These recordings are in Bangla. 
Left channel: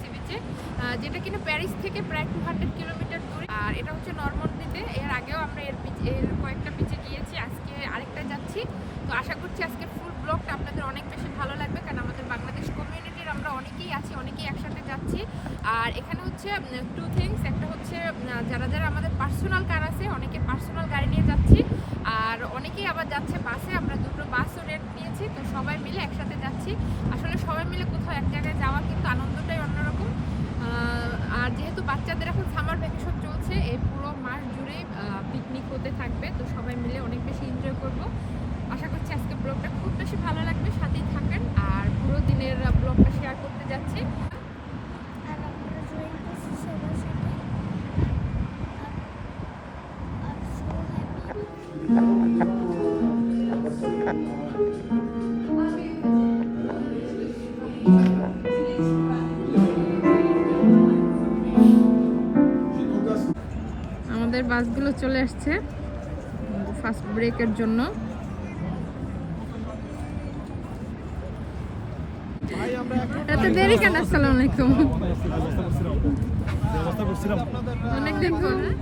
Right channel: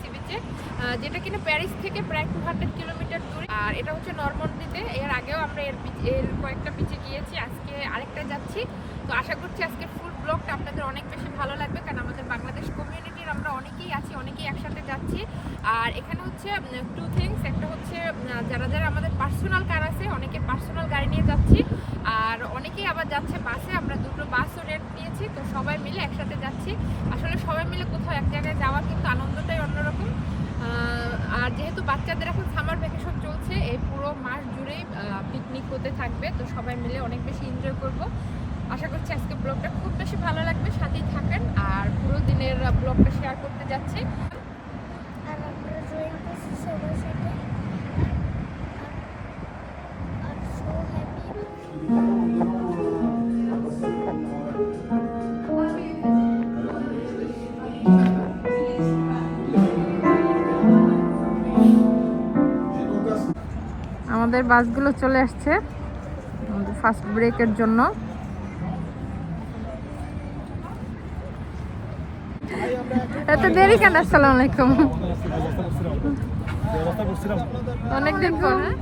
সি বিচে যেটা কিনা প্যারিস থেকে প্রায় টু হান্ড্রেড কিলোমিটার দূরে। আর এটা হচ্ছে নর্মন্দিতে। এর আগেও আমরা এর এর কয়েকটা বিচে গিয়েছি, আজকে আরেকটা যাচ্ছি। তো আশা করছি আজকে ফুল ব্লগটা আপনাদের অনেক বেশি ভালো লাগবে, কারণ আমাদের বাংলাদেশ কমিউনিটির আমরা অনেকেই আছি, অনেকেই একসাথে যাচ্ছি। আর এখানে হচ্ছে টু থিংস একটা হচ্ছে যারা যারা আমাদের পার্সোনাল কার আছে, অনেকে পার্সোনাল গাড়ি নিয়ে যাচ্ছি। আর অনেকেই আবার যাচ্ছে বাসে, আমরা দুটো বাসও রেট নিয়েছি, তো সবাই মিলে একসাথে যাচ্ছি। আসলে সবাই মিলে কোথাও এক জায়গায় যাওয়ার কিন্তু আনন্দটাই অন্যরকম। আর যেহেতু বাচ্চাদের এখন সামার ভ্যাকেশন চলছে, এই পুরো মাস জুড়েই পিকনিক হতে থাকবে, তো সবাই মিলে অনেক বেশি এনজয় করব। আশা করছি আজকে ব্লগটা খুব বেশি ভালো লাগবে, সাথেই থাকেন। আর পুরো দিনের ব্লগটা শেয়ার করতে যাচ্ছি। বাসগুলো চলে আসছে ফার্স্ট ব্রেকের জন্য। এত দেরি কেন? আসসালামু আলাইকুম। অনেকদিন পর হ্যাঁ?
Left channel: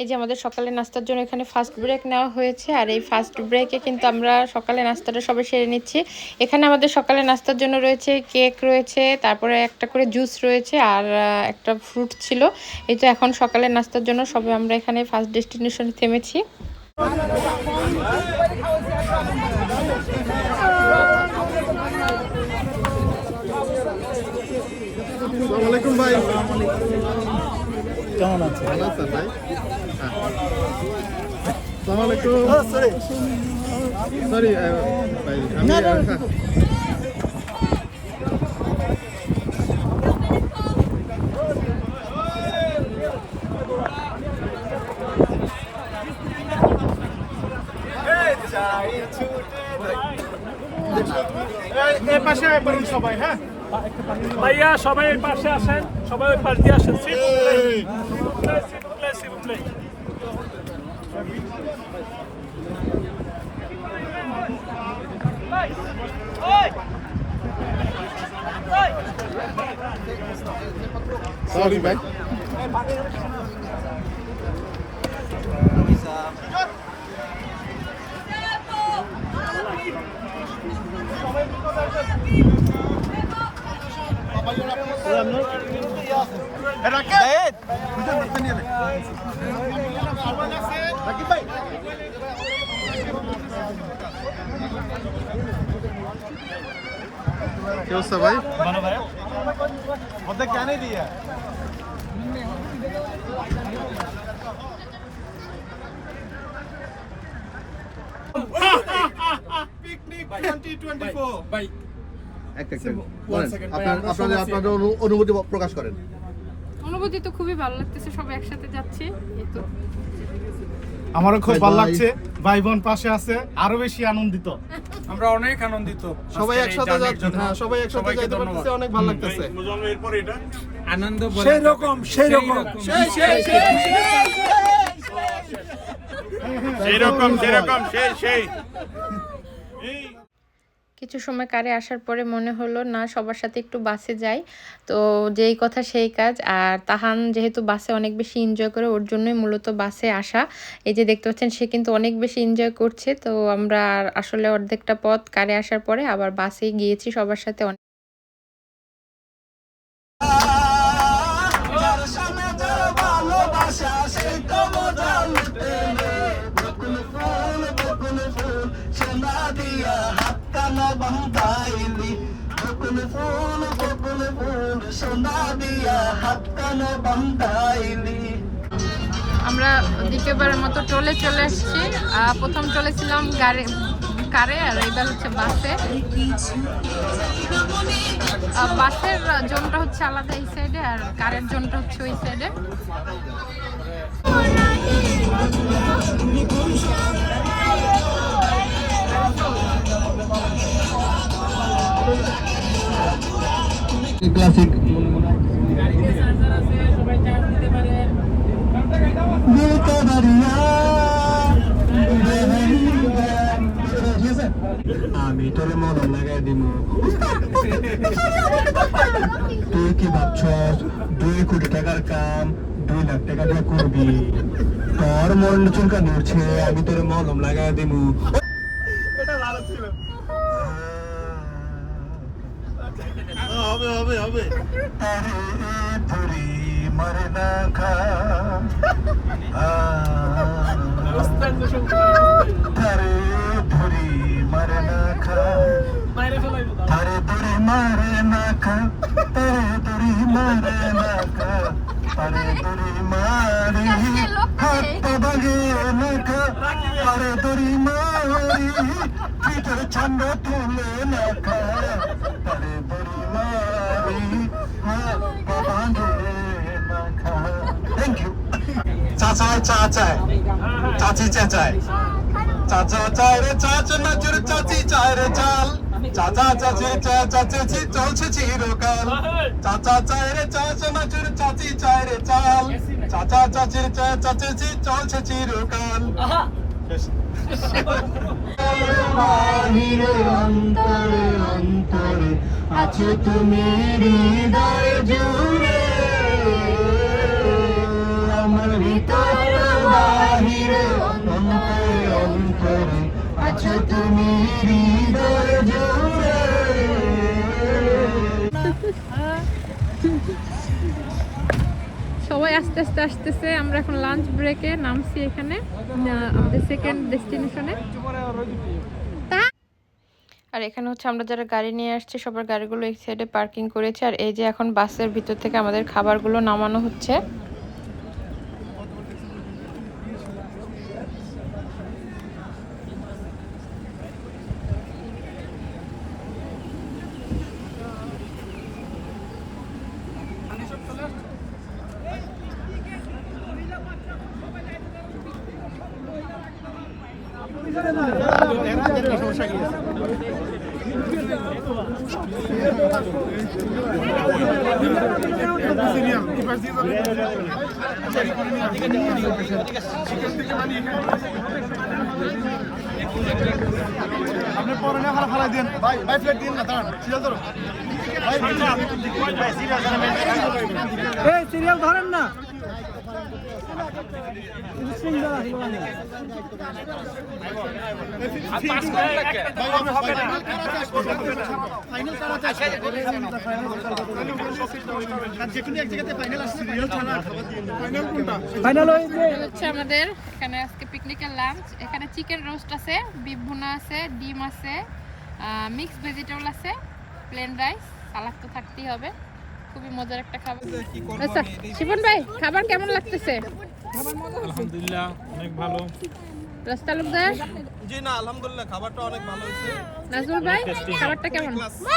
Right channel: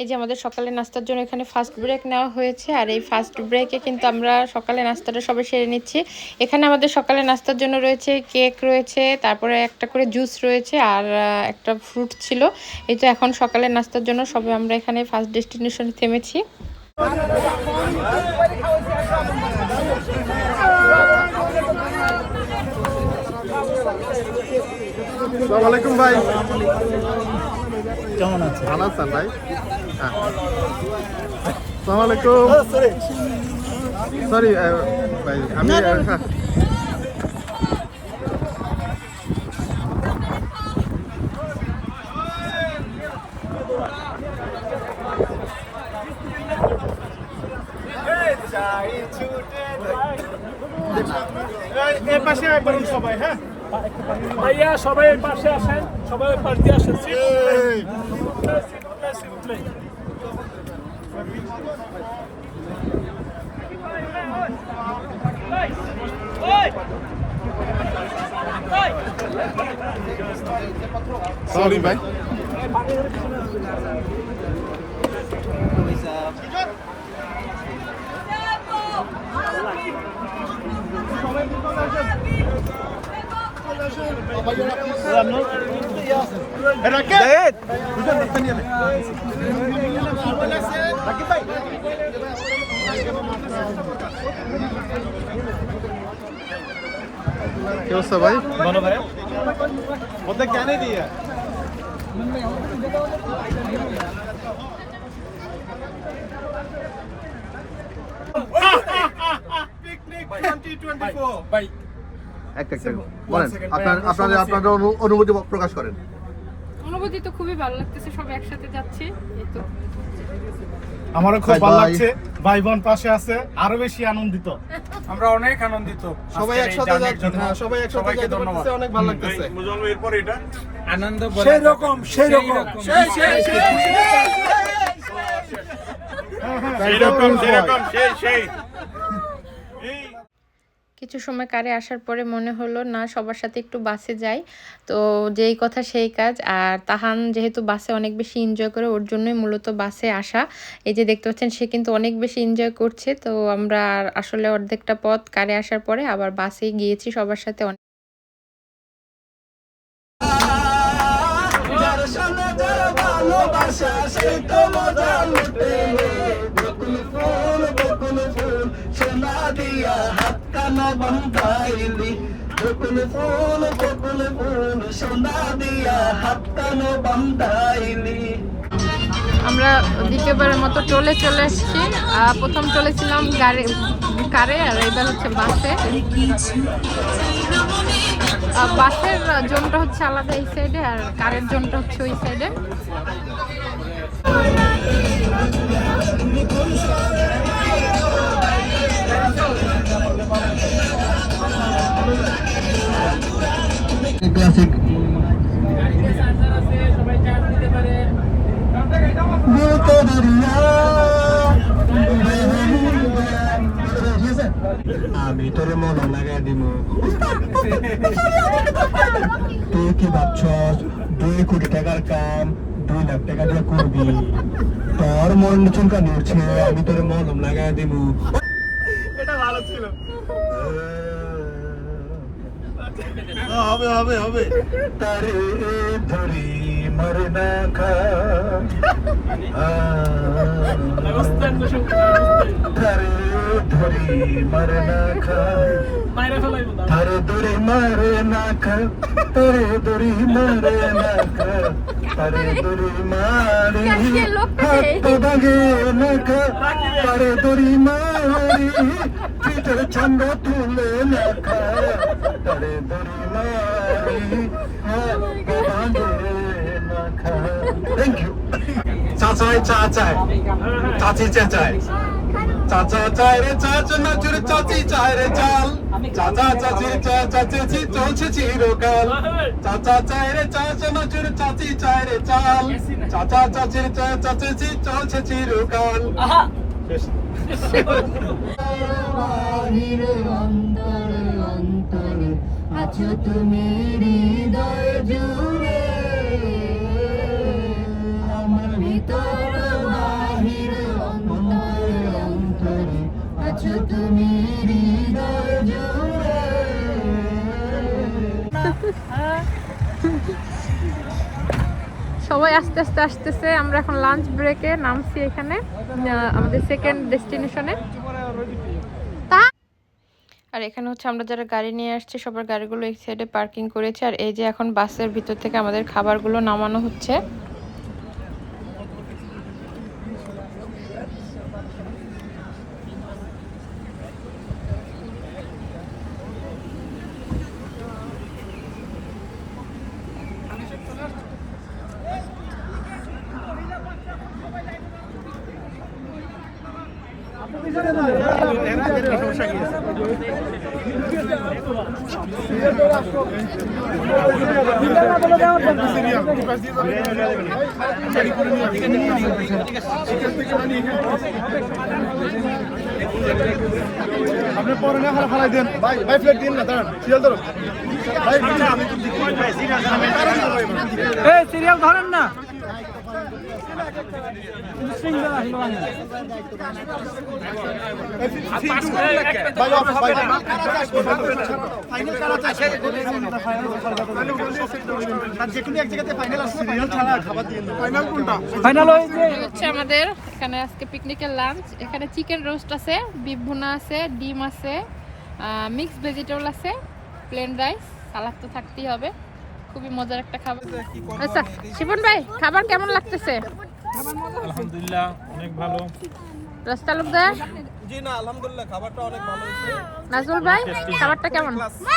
এই যে আমাদের সকালে নাস্তার জন্য এখানে ফার্স্ট ব্রেক নেওয়া হয়েছে, আর এই ফার্স্ট ব্রেকে কিন্তু আমরা সকালে নাস্তাটা সবাই সেরে নিচ্ছি। এখানে আমাদের সকালে নাস্তার জন্য রয়েছে কেক রয়েছে, তারপরে একটা করে জুস রয়েছে, আর একটা ফ্রুট ছিল। এই তো এখন সকালে নাস্তার জন্য সবাই আমরা এখানে ফার্স্ট ডেস্টিনেশনে থেমেছি। আসসালামু আলাইকুম ভাই। ভালো আছেন ভাই? আসসালামু আলাইকুম সরি ভাই আমি হ্যাঁ। এর পাশে বলুন সবাই হ্যাঁ? ভাইয়া সবাই এর পাশে আসেন সবাই ওই পাশ দিয়ে আসেন। s'il vous plaît. S'il vous plaît, s'il vous plaît. Sorry ভাই এটা কে বুঝেন না নিয়ে কি অবস্থা ভাই? ভালো ভাই। ওদের কেন দিয়ে। পিকনিক 2024 ভাই একটা একটা বলেন আপনার আপনাদের আপনাদের অনু- অনুভূতি প্রকাশ করেন। অনুভূতি তো খুবই ভালো লাগতেছে সবাই একসাথে যাচ্ছি এই তো। আমারও খুব ভালো লাগছে। ভাই বোন পাশে আছে আরও বেশি আনন্দিত। আমরা অনেক আনন্দিত সবাই একসাথে। হ্যাঁ সবাই একসাথে সবাইকে যেতে পারতেছে অনেক ভালো লাগতেছে। আনন্দ সেই রকম, সেই রকম। সেই রকম সেই সেরকম সেই সেই। কিছু সময় কারে আসার পরে মনে হলো, না, সবার সাথে একটু বাসে যাই। তো যেই কথা সেই কাজ। আর তাহান যেহেতু বাসে অনেক বেশি এনজয় করে, ওর জন্যই মূলত বাসে আসা। এই যে দেখতে পাচ্ছেন, সে কিন্তু অনেক বেশি এনজয় করছে। তো আমরা আসলে অর্ধেকটা পথ কারে আসার পরে আবার বাসে গিয়েছি সবার সাথে অনেক। আমরা দ্বিতীয়বারের মতো টোলে চলে এসেছি প্রথম টোলে ছিলাম গাড়ি, কারে, আর এবার হচ্ছে বাসে। বাসের জোনটা হচ্ছে আলাদা এই সাইডে আর কারের জোনটা হচ্ছে ওই সাইডে ক্লাসিক আমি তোর মলম লাগাই দিব। তুই কি ভাবছস? দুই কোটি টাকার কাম, দুই লাখ টাকা দিয়ে করবি। তোর মন চুলকা নড়ছে আমি তোর মলম লাগাই দিব হবে হবে হবে তারে ধরি মরে না খা তারে ধরি মরে না খা। তারে ধরি মারে না খা। তারে ধরি মারে না খা। তারে ধরি মারি হাত ভাঙে না খা। তারে ধরি মারি পিঠের ছান্ডা তুলে না খা। তারে ধরি মারি হাত পা ভাঙে না খা থ্যাংক ইউ চাচাই চাচাই চাচি চাচাই চাচা চায় রে চাচা নাচুর চাচি চায় রে চাল চাচা চাচি চাচা চাচি চলছে চিরকাল চাচা চায় রে চাচা নাচুর চাচি চায় রে চাল চাচা চাচি চাচা চাচি চলছে চিরকাল অন্তরে অন্তরে আছো তুমি হৃদয় জুড়ে সবাই আস্তে আস্তে আসতেছে, আমরা এখন লাঞ্চ ব্রেকে নামছি এখানে আমাদের সেকেন্ড ডেস্টিনেশনে আর এখানে হচ্ছে আমরা যারা গাড়ি নিয়ে আসছি, সবার গাড়িগুলো এক সাইডে পার্কিং করেছে, আর এই যে এখন বাসের ভিতর থেকে আমাদের খাবারগুলো নামানো হচ্ছে। আপনি পরে না হালা ফালাই দেন। ভাই ভাই ফ্লেট দিন না দাঁড়ান। সিরিয়াল ধরো। ভাই সিরিয়াল ধরেন না। আমাদের এখানে আজকে পিকনিকের লাঞ্চ এখানে চিকেন রোস্ট আছে বিফ ভুনা আছে ডিম আছে মিক্স ভেজিটেবল আছে প্লেন রাইস সালাদ তো থাকতেই হবে। খুবই মজার একটা খাবার। আচ্ছা, শিবন ভাই খাবার কেমন লাগতেছে? আলহামদুলিল্লাহ অনেক ভালো। রস জি না আলহামদুলিল্লাহ খাবারটা অনেক ভালো হয়েছে। নাজুল ভাই খাবারটা কেমন?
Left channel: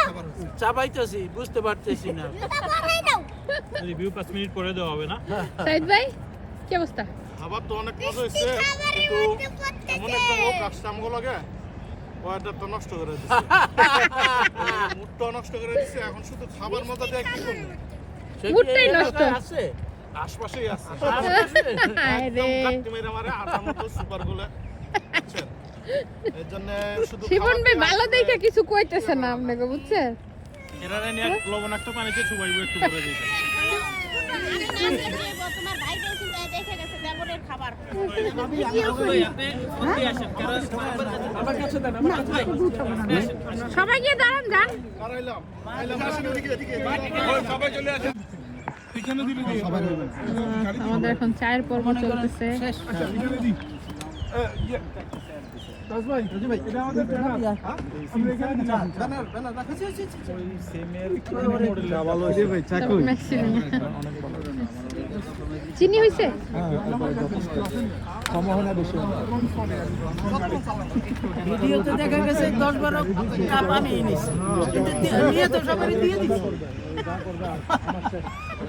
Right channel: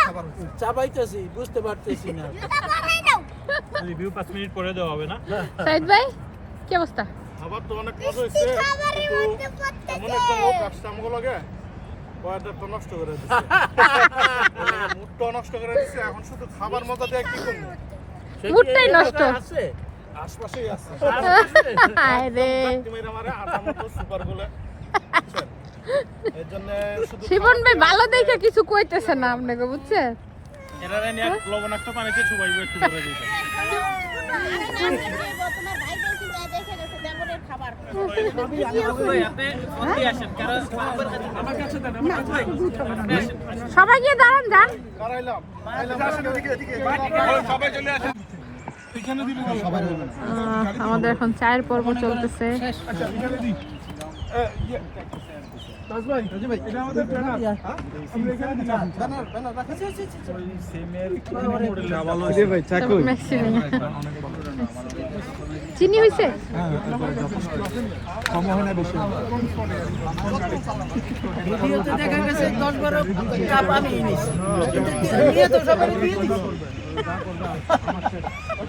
খাবার হয়েছে। চাবাইতেছি বুঝতে পারতেছি না। রিভিউ পাঁচ মিনিট পরে দেওয়া হবে না? সাইদ ভাই কি অবস্থা? খাবার তো অনেক মজা হয়েছে কিন্তু এমন একটা লোক আসছে আমগো লাগে ওয়েদার তো নষ্ট করে দিচ্ছে মুডটা নষ্ট করে দিচ্ছে এখন শুধু খাবার মজা দিয়ে কি করব? মুডটাই নষ্ট। আশপাশেই আছে। একদম গাট্টি মেরে মারে আটার মতো সুপারগুলো। এর জন্য শুধু শিবন ভাই ভালো দেখে কিছু কইতেছে না আপনাকে বুঝছেন? এরা নিয়ে লবণাক্ত পানিতে চুবাইবো একটু করে দিতে। তোমার ভাই কিন্তু দেখে গেছে বেঙ্গলের খাবার সবাই গিয়ে দাঁড়ান যান সবাই চলে আসেন আমাদের এখন চায়ের পর্ব চলতেছে। চিনি হয়েছে? ভিডিওতে দেখা গেছে দশ বারো কাপ আমি এনেছি। কিন্তু দি- তো সবাই দিয়ে দিছি।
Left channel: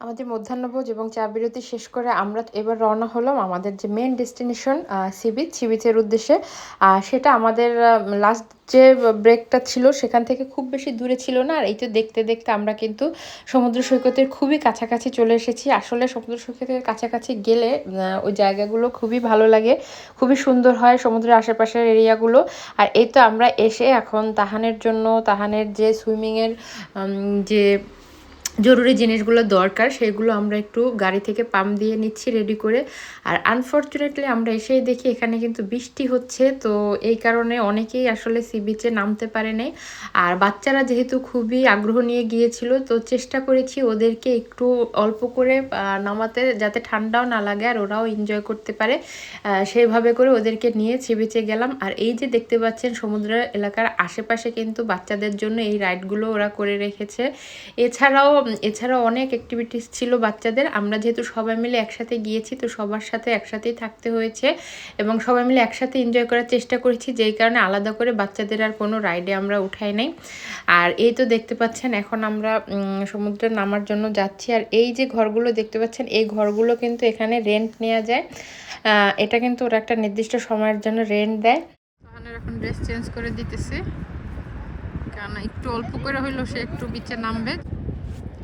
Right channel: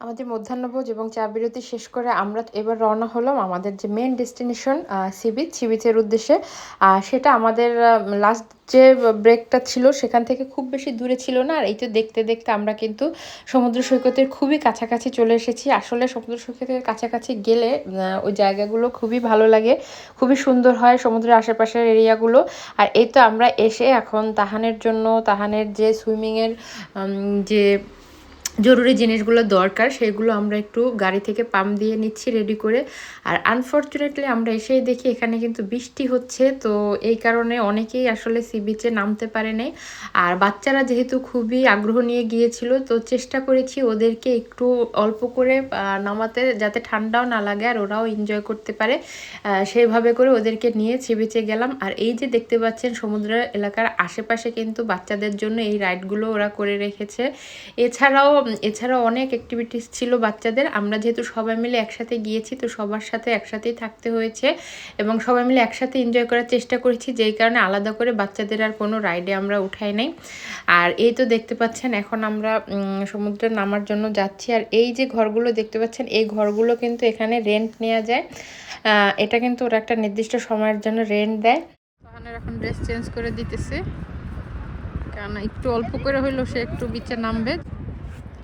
আমাদের মধ্যাহ্নভোজ এবং চা বিরতি শেষ করে আমরা এবার রওনা হলাম আমাদের যে main destination sea beach sea বিচের উদ্দেশ্যে সেটা আমাদের লাস্ট যে ব্রেকটা ছিল সেখান থেকে খুব বেশি দূরে ছিল না। আর এই তো দেখতে দেখতে আমরা কিন্তু সমুদ্র সৈকতের খুবই কাছাকাছি চলে এসেছি। আসলে সমুদ্র সৈকতের কাছাকাছি গেলে ওই জায়গাগুলো খুবই ভালো লাগে। খুবই সুন্দর হয় সমুদ্রের আশেপাশের এরিয়াগুলো। আর এই তো আমরা এসে এখন তাহানের জন্য, তাহানের যে সুইমিংয়ের যে জরুরি জিনিসগুলো দরকার, সেগুলো আমরা একটু গাড়ি থেকে পাম্প দিয়ে নিচ্ছি রেডি করে। আর আনফর্চুনেটলি আমরা এসেই দেখি এখানে কিন্তু বৃষ্টি হচ্ছে, তো এই কারণে অনেকেই আসলে সি বিচে নামতে পারে নাই। আর বাচ্চারা যেহেতু খুবই আগ্রহ নিয়ে গিয়েছিল, তো চেষ্টা করেছি ওদেরকে একটু অল্প করে নামাতে যাতে ঠান্ডাও না লাগে আর ওরাও এনজয় করতে পারে। সেইভাবে করে ওদেরকে নিয়ে সি বিচে গেলাম। আর এই যে দেখতে পাচ্ছেন সমুদ্র এলাকার আশেপাশে কিন্তু বাচ্চাদের জন্য এই রাইডগুলো ওরা করে রেখেছে। এছাড়াও এছাড়াও অনেক অ্যাক্টিভিটিস ছিল বাচ্চাদের। আমরা যেহেতু সবাই মিলে একসাথে গিয়েছি, তো সবার সাথে একসাথেই থাকতে হয়েছে এবং সবাই মিলে একসাথে এনজয় করার চেষ্টা করেছি, যেই কারণে আলাদা করে বাচ্চাদের আর কোনো রাইডে আমরা উঠাই নাই। আর এই তো দেখতে পাচ্ছেন, এখন আমরা সমুদ্রে নামার জন্য যাচ্ছি। আর এই যে ঘরগুলো দেখতে পাচ্ছেন, এই ঘরগুলো কিন্তু এখানে রেন্ট নেওয়া যায়। এটা কিন্তু ওরা একটা নির্দিষ্ট সময়ের জন্য রেন্ট দেয়। এখন ড্রেস চেঞ্জ করে দিতেছে। কারণ একটু অল্প করে হইল সে একটু বিচে নামবে।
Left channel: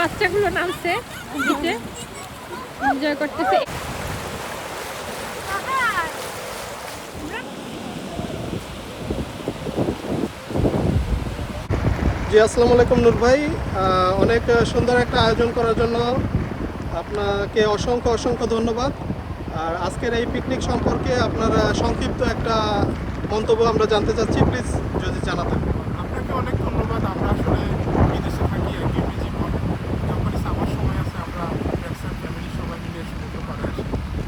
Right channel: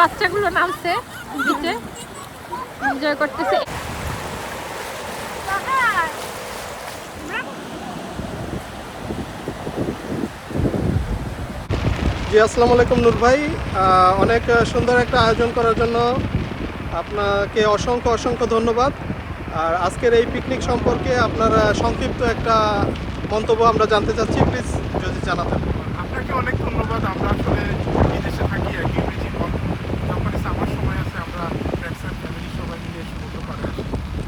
বাচ্চাগুলো নামছে দিকে এনজয় করতেছে। জি আসসালামু আলাইকুম নূর ভাই। অনেক সুন্দর একটা আয়োজন করার জন্য আপনাকে অসংখ্য অসংখ্য ধন্যবাদ। আর আজকের এই পিকনিক সম্পর্কে আপনার সংক্ষিপ্ত একটা মন্তব্য আমরা জানতে চাচ্ছি। প্লিজ যদি জানাতেন। আপনাকে অনেক ধন্যবাদ আমরা আসলে বিদেশে থাকি একই জীবন যখন আমার সময় আছে আমরা ফ্রেন্ডস এন্ড ফ্যামিলি সবাই মিলে সমুদ্র পাড়ে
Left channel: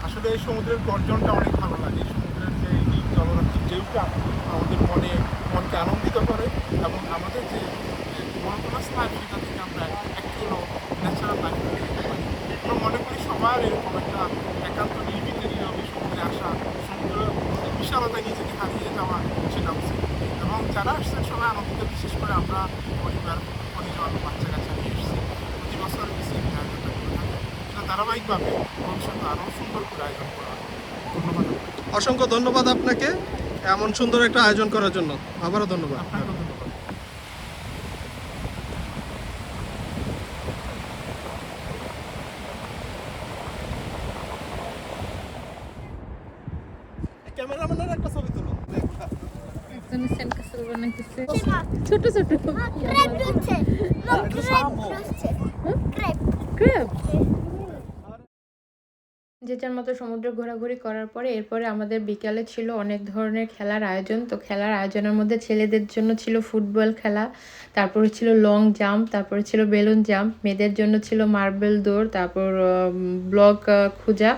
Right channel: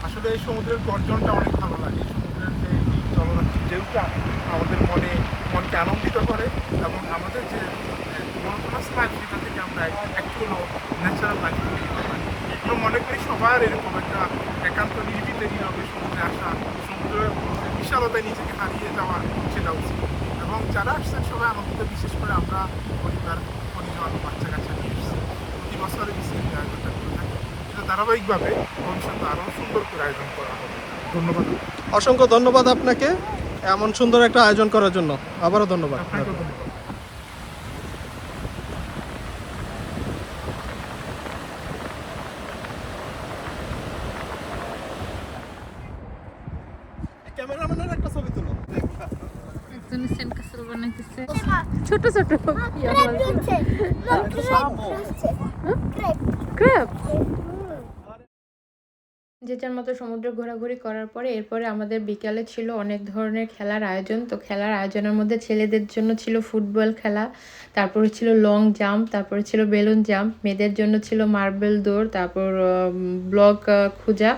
আসি এই সমুদ্রের গর্জনটা অনেক ভালো লাগে। সমুদ্রের যে এই জলরাশি ঢেউটা আমাদের মনে, মনকে আনন্দিত করে এবং আমাদের যে মনোকমাস লাইফ সেটা থেকে আমরা একটু ন্যাচারাল লাইফ দিতে পারি। আমরা মনে করি সবার এরকম একটা একান্ত নিরিবিতে নীরবে সমুদ্রে আসা, সমুদ্রের বিশালতায় নিজেকে হারিয়ে যাওয়া সেটা উচিত। এবং যারা আসছেন সবাই আনন্দিত বিশেষ করে আমরা পরিবার, পরিজন সাথে এসেছি। প্রতি বছর বিসিএন আয়োজনটা করে থাকি। ধারাবাহিকভাবে ভবিষ্যতে আরও সুন্দর করে আয়োজন করা হবে। ধন্যবাদ। অসংখ্য ধন্যবাদ আপনাকে এমন সুন্দর একটা আয়োজন করার জন্য। আবারও ধন্যবাদ। আপনাকেও ধন্যবাদ। ক্যামেরাম্যানের একটা ছবি তুলো। ছোট ছোট ক্রেপ হচ্ছে ক্রেপ হচ্ছে ক্রেপ যে মতো সমুদ্র ঘোরাঘুরি করার পরে এরপরে আমাদের বিকালে ছিল অনেক ধরনের খেলার আয়োজন। তো খেলার আয়োজনের মধ্যে ছেলেদের জন্য ছিল ফুটবল খেলা, তারপরে ছিল লং জাম্প তারপরে ছিল বেলুন জাম্প মেয়েদের জন্য ছিল মার্বেল দৌড়, তারপর ব্লক খোঁজা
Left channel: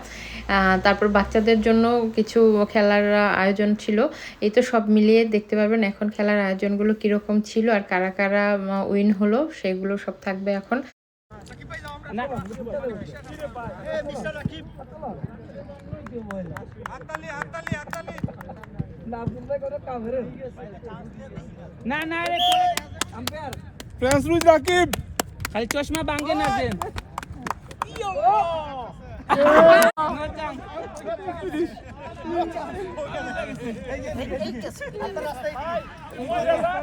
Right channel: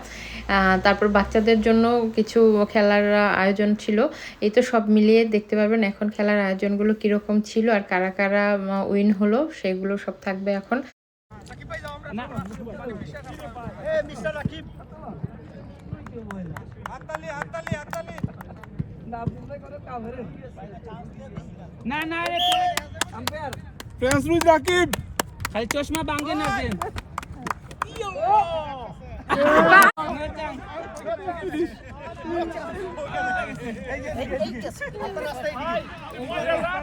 তারপর বাচ্চাদের জন্য কিছু খেলার আয়োজন ছিল। এই তো সব মিলিয়ে দেখতে পারবেন এখন খেলার আয়োজনগুলো কীরকম ছিল আর কারা কারা উইন হলো, সেগুলো সব থাকবে এখন। না না রে ফ্রেন্স রুজ রাকিব খালি চশমা বাঙ্গে না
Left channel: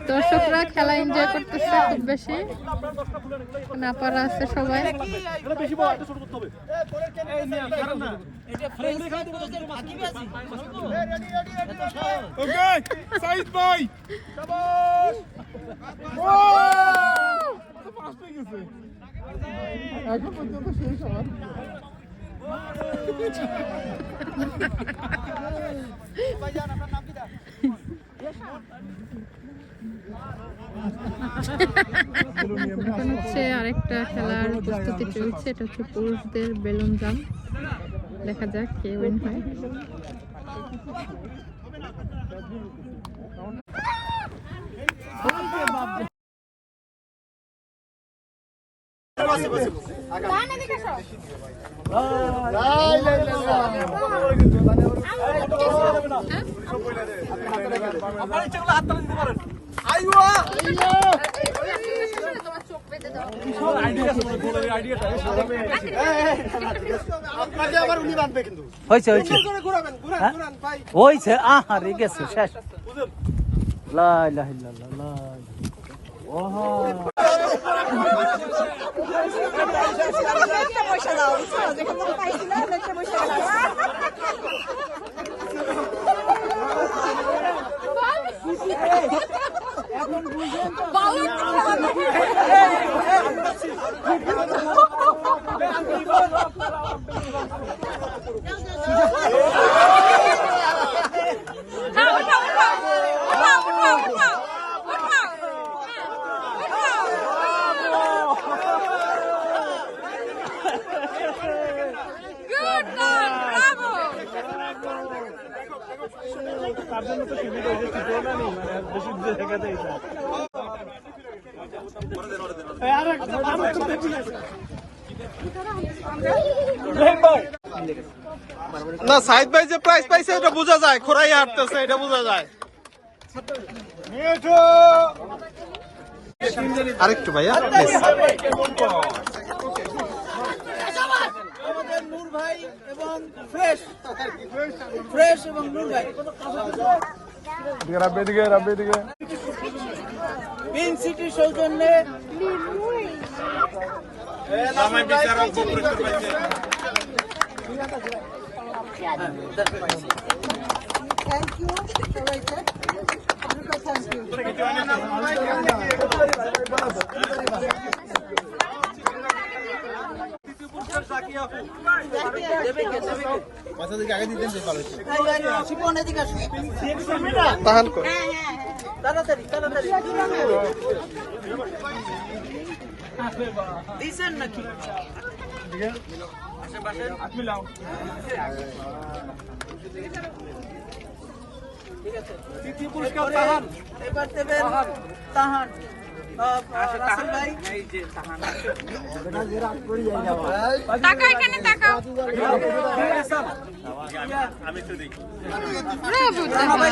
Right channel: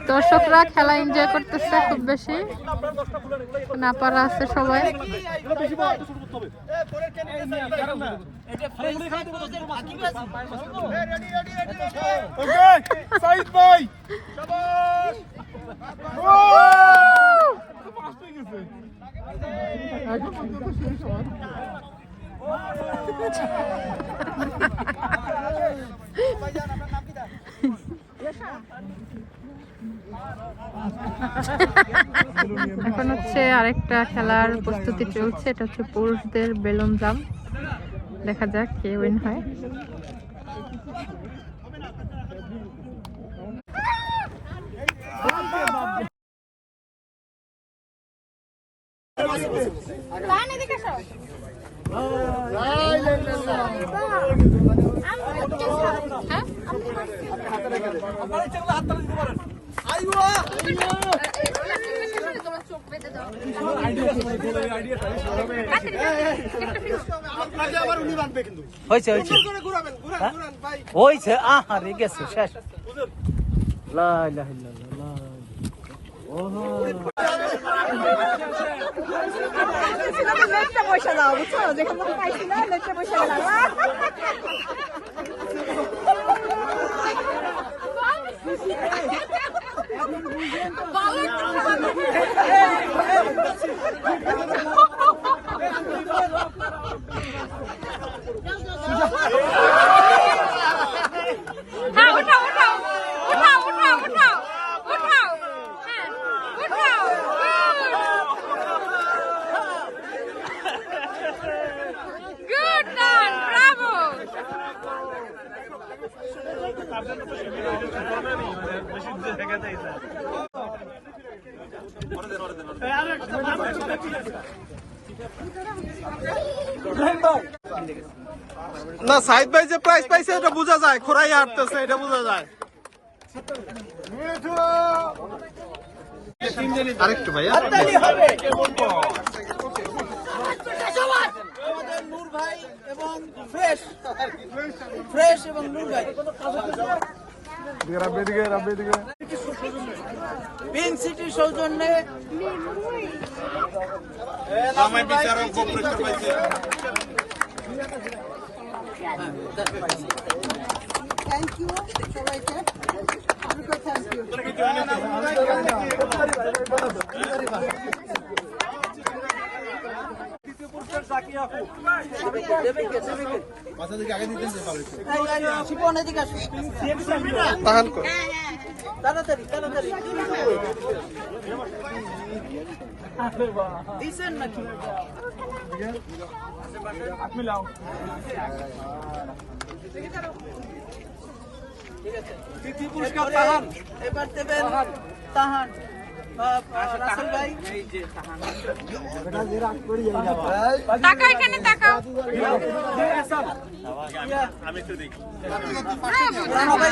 দর্শকরা খেলা এনজয় করতেছে খুব বেশি। না পারা আছে সবাই। সাইদ ভাই এখন হচ্ছে আরেকটা খেলার প্রস্তুতি চলছে, এটা হচ্ছে পুরুষদের বেলুন জাম দেখা যাক কে উইন হয়। হয়েছে হয়েছে। হ্যাঁ? হয়েছে? আহারে গেছে শেষ। লা ইলাহা ইল্লাল্লাহ, লা হ্যাঁ না, সাইদ ভাই যে প্রাইস পাইছে, এটা বোঝা যায়। খোরাই হাঁটতেছে, এটা বোঝা যায়। আরেকটু ভাইয়া ভাই এবং ফ্রেশ ফ্রেশ এবং নূর ভাই। পিঙ্ক সিটি সৌজন্যে। বিচারক পুরস্কার পাইছে থ্যাংক ইউ সবাইকে। থ্যাংক ইউ কর। তাড়াতাড়ি তাড়াতাড়ি। দিছেন নাকি? ঠিক আছে তৃতীয় পুরস্কার তাহান এবার দেবেন তাহান। আহ, রাসেল ভাই? তাকাও এখানে তাকাও আমি একটু দেখি রানা ভাই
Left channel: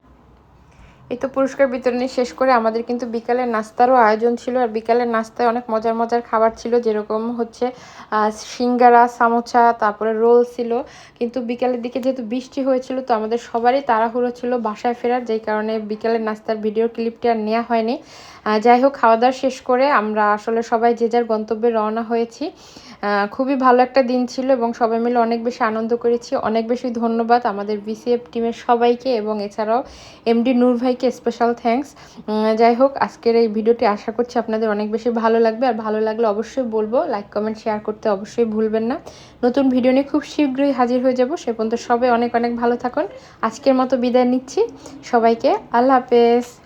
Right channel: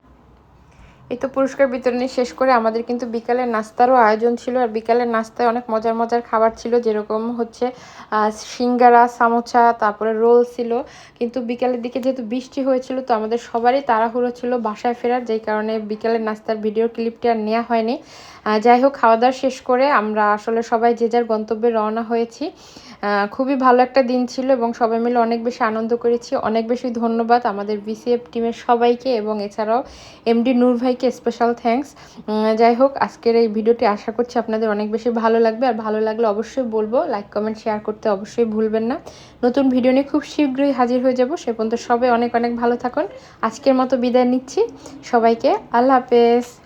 এই তো পুরস্কার বিতরণী শেষ করে আমাদের কিন্তু বিকালের নাস্তারও আয়োজন ছিল আর বিকালের নাস্তায় অনেক মজার মজার খাবার ছিল, যেরকম হচ্ছে সিঙ্গারা, সামোচা, তারপরে রোল ছিল। কিন্তু বিকালের দিকে যেহেতু বৃষ্টি হয়েছিল, তো আমাদের সবারই তাড়াহুড়ো ছিল বাসায় ফেরার, যেই কারণে বিকালের নাস্তার ভিডিও ক্লিপটি আর নেওয়া হয়নি। যাই হোক, খাওয়া দাওয়া শেষ করে আমরা আসলে সবাই যে যার গন্তব্যে রওনা হয়েছি। খুবই ভালো একটা দিন ছিল এবং সবাই মিলে অনেক বেশি আনন্দ করেছি। অনেক বেশি ধন্যবাদ আমাদের বিসিএফ টিমের সবাইকে এবং এছাড়াও এমডি নূর ভাইকে স্পেশাল থ্যাঙ্কস যাই হোক, আজকের এই ভিডিওটি আশা করছি আপনাদের অনেক বেশি ভালো লাগবে। আর ভালো লাগলে অবশ্যই বলব লাইক কমেন্ট শেয়ার করতে অবশ্যই ভুলবেন না। নতুন ভিডিও নিয়ে খুব শীঘ্রই হাজির হয়ে যাব। সে পর্যন্ত সবাই অনেক অনেক ভালো থাকুন। আজকের মতো বিদায় নিচ্ছি। সবাইকে আল্লাহ হাফেজ।